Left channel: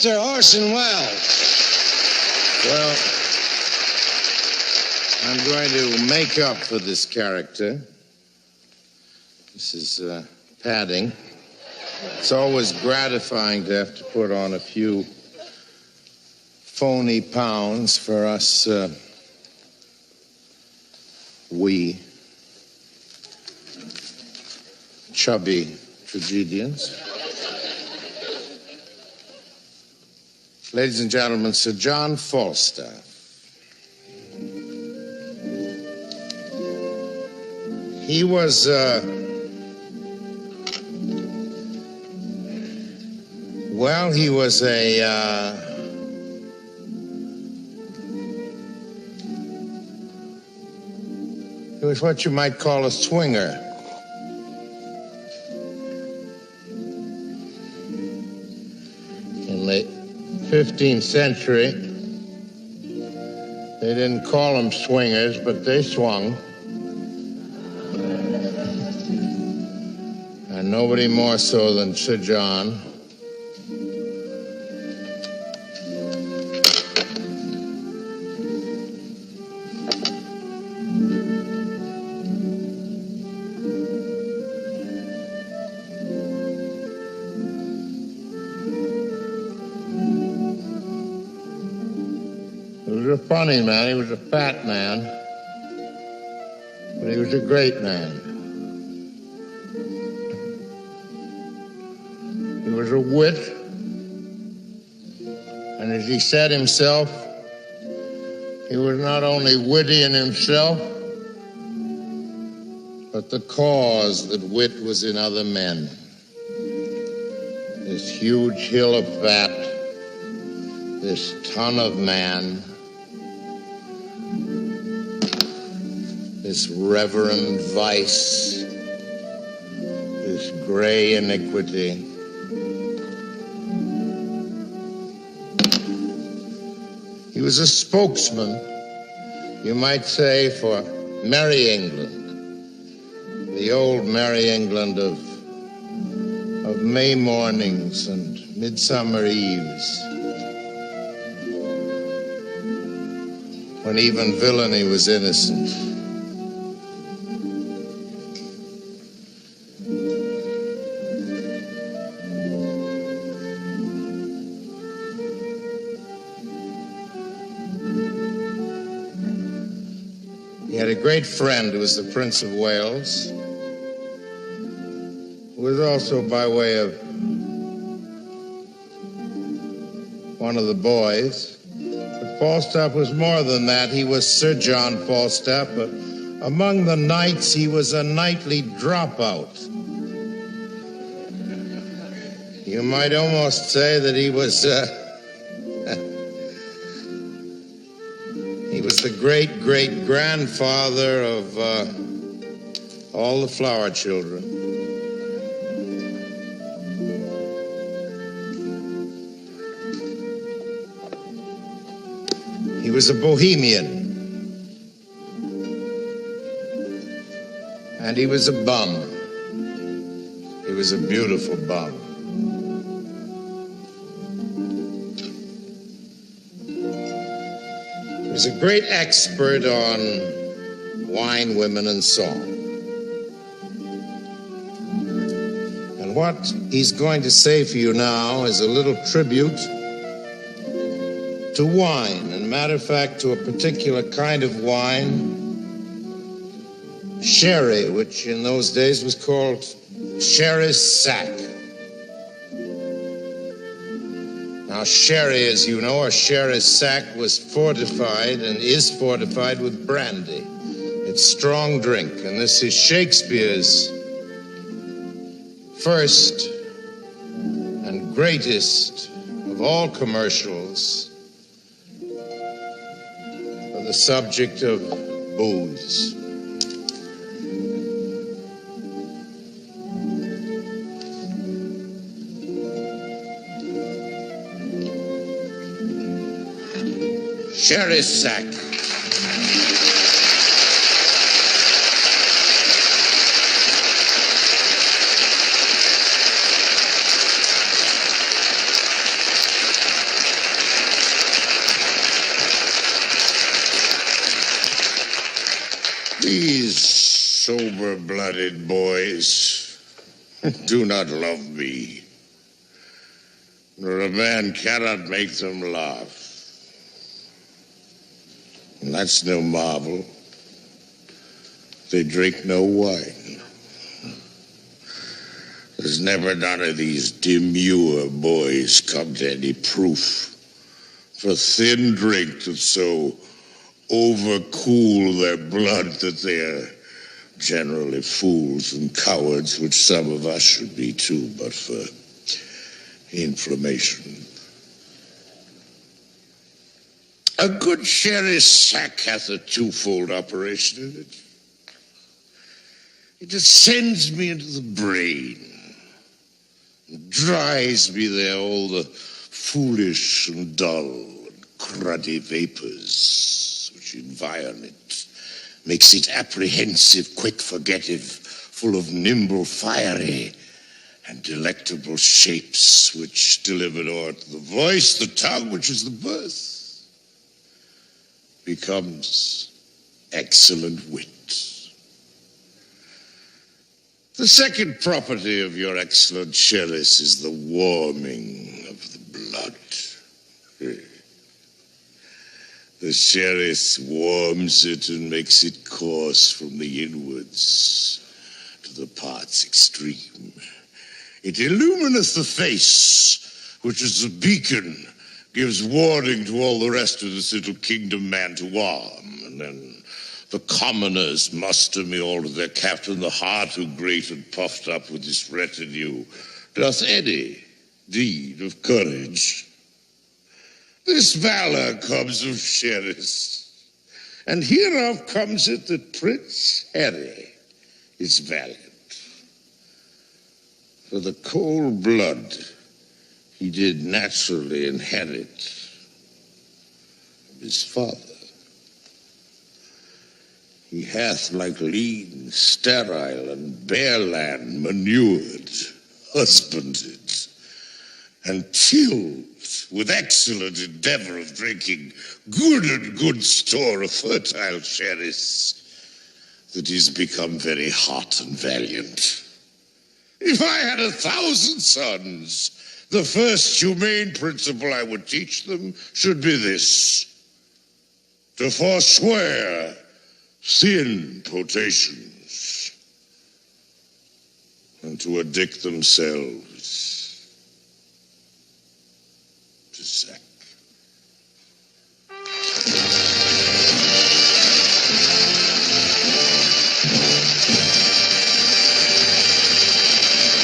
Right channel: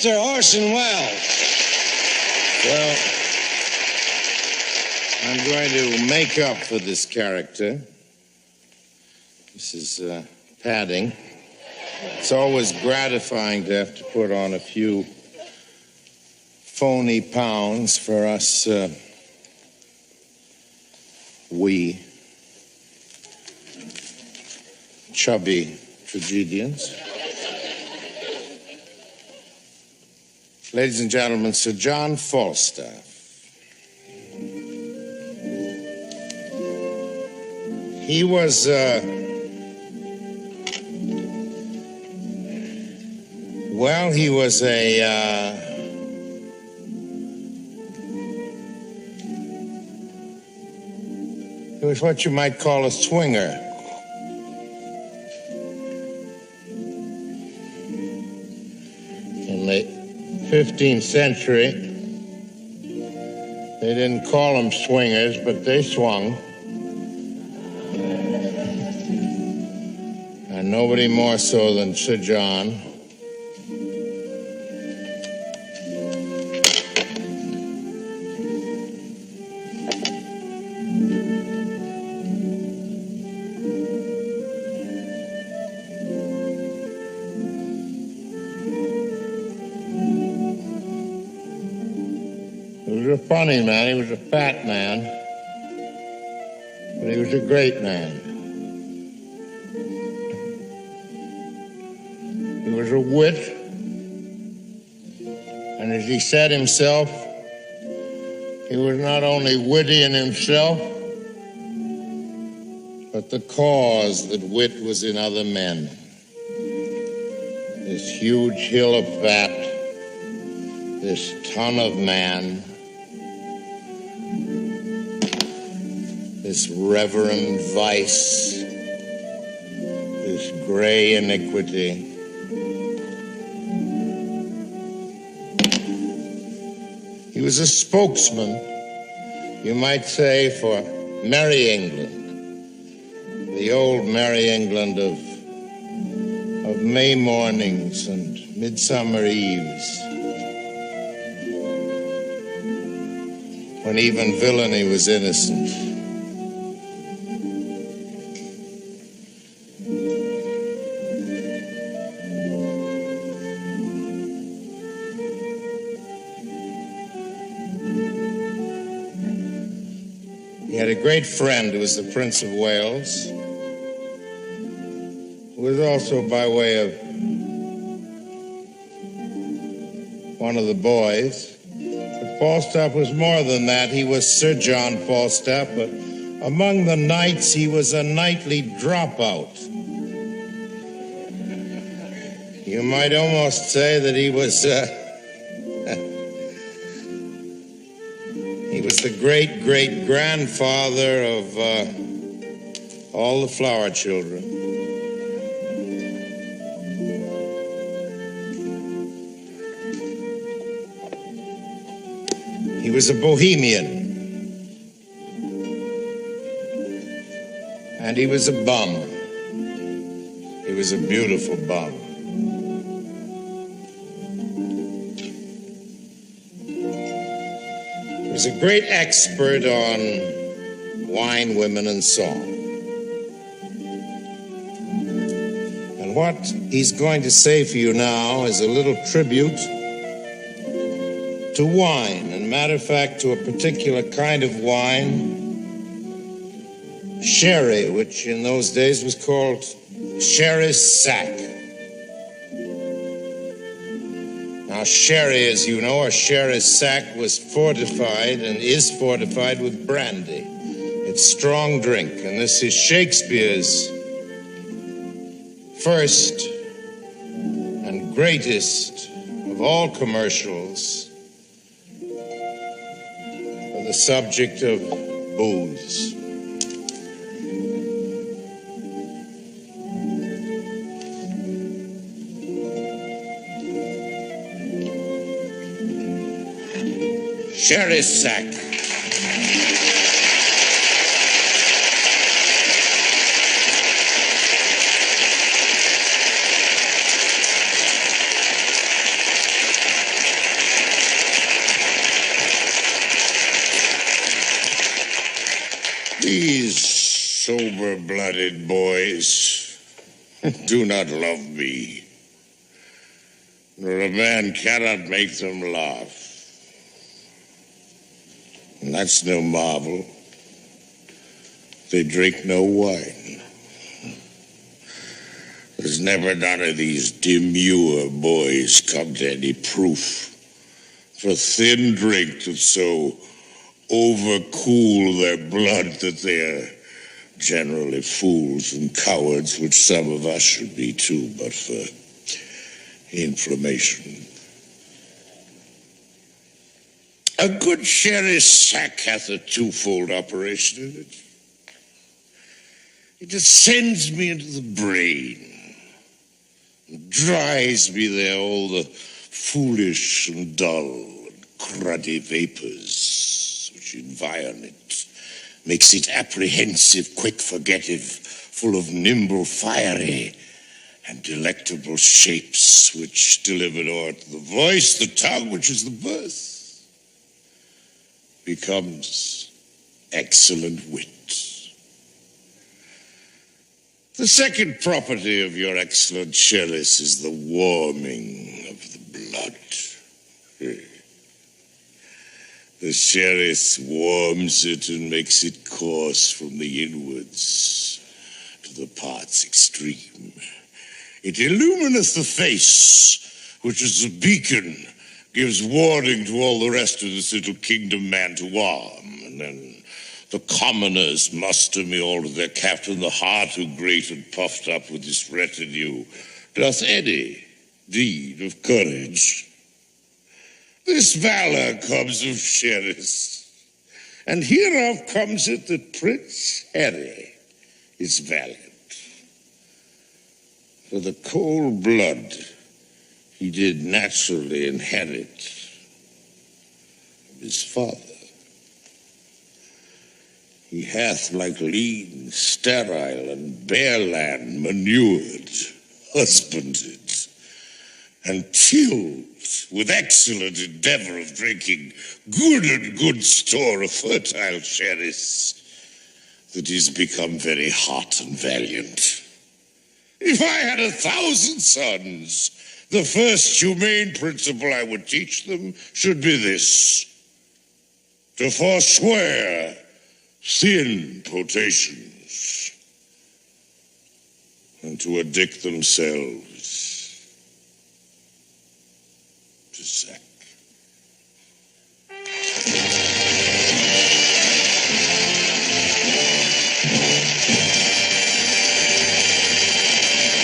Mr. Orson Wells. Well, I'm going to make up for this character. This is padding. It's always gratifying to have to put on a few phony pounds for us chubby tragedians. Ladies and gentlemen, Sir John Falstaff. He was, he was he was what you might call a swinger. In the 15th century, they didn't call them swingers, but they swung. And nobody more so than Sir John. He was a funny man. He was a fat man. But he was a great man. He was a wit. And as he said himself, he was not only witty in himself, but the cause that wit was in other men. This huge hill of fat, this ton of man, this reverend vice, this gray iniquity. He was a spokesman, you might say, for Merry England, the old Merry England of May mornings and midsummer eves, when even villainy was innocent. He had a great friend who was the Prince of Wales, who was also by way of one of the boys. But Falstaff was more than that. He was Sir John Falstaff, but among the knights, he was a knightly dropout. You might almost say that he was he was the great-great-grandfather of all the flower children. He was a bohemian. And he was a bum. He was a beautiful bum. He was a great expert on wine, women, and song. And what he's going to say for you now is a little tribute to wine, and matter of fact, to a particular kind of wine, sherry, which in those days was called sherry sack. Now, sherry, as you know, or sherry sack, was fortified and is fortified with brandy. It's strong drink, and this is Shakespeare's first and greatest of all commercials for the subject of booze. Sherry sack. These sober-blooded boys do not love me, nor a man cannot make them laugh. And that's no marvel. They drink no wine. There's never none of these demure boys come to any proof for thin drink to so overcool their blood that they're generally fools and cowards, which some of us should be too, but for inflammation. A good sherry sack hath a twofold operation in it. It ascends me into the brain, and dries me there all the foolish and dull and cruddy vapors which environ it, makes it apprehensive, quick forgettive, full of nimble, fiery, and delectable shapes, which delivered o'er to the voice, the tongue, which is the birth, becomes excellent wit. The second property of your excellent chalice is the warming of the blood. The chalice warms it and makes it course from the inwards to the parts extreme. It illumineth the face, which is a beacon, gives warning to all the rest of this little kingdom man to arm, and then the commoners muster me all to their captain, the heart who great and puffed up with this retinue doth any deed of courage. This valor comes of Sheris, and hereof comes it that Prince Harry is valiant. For the cold blood he did naturally inherit of his father. He hath, like lean, sterile, and bare land, manured, husbanded, and tilled with excellent endeavor of drinking good store of fertile cherries, that is become very hot and valiant. If I had 1,000 sons, the first humane principle I would teach them should be this: to forswear thin potations, and to addict themselves to sack.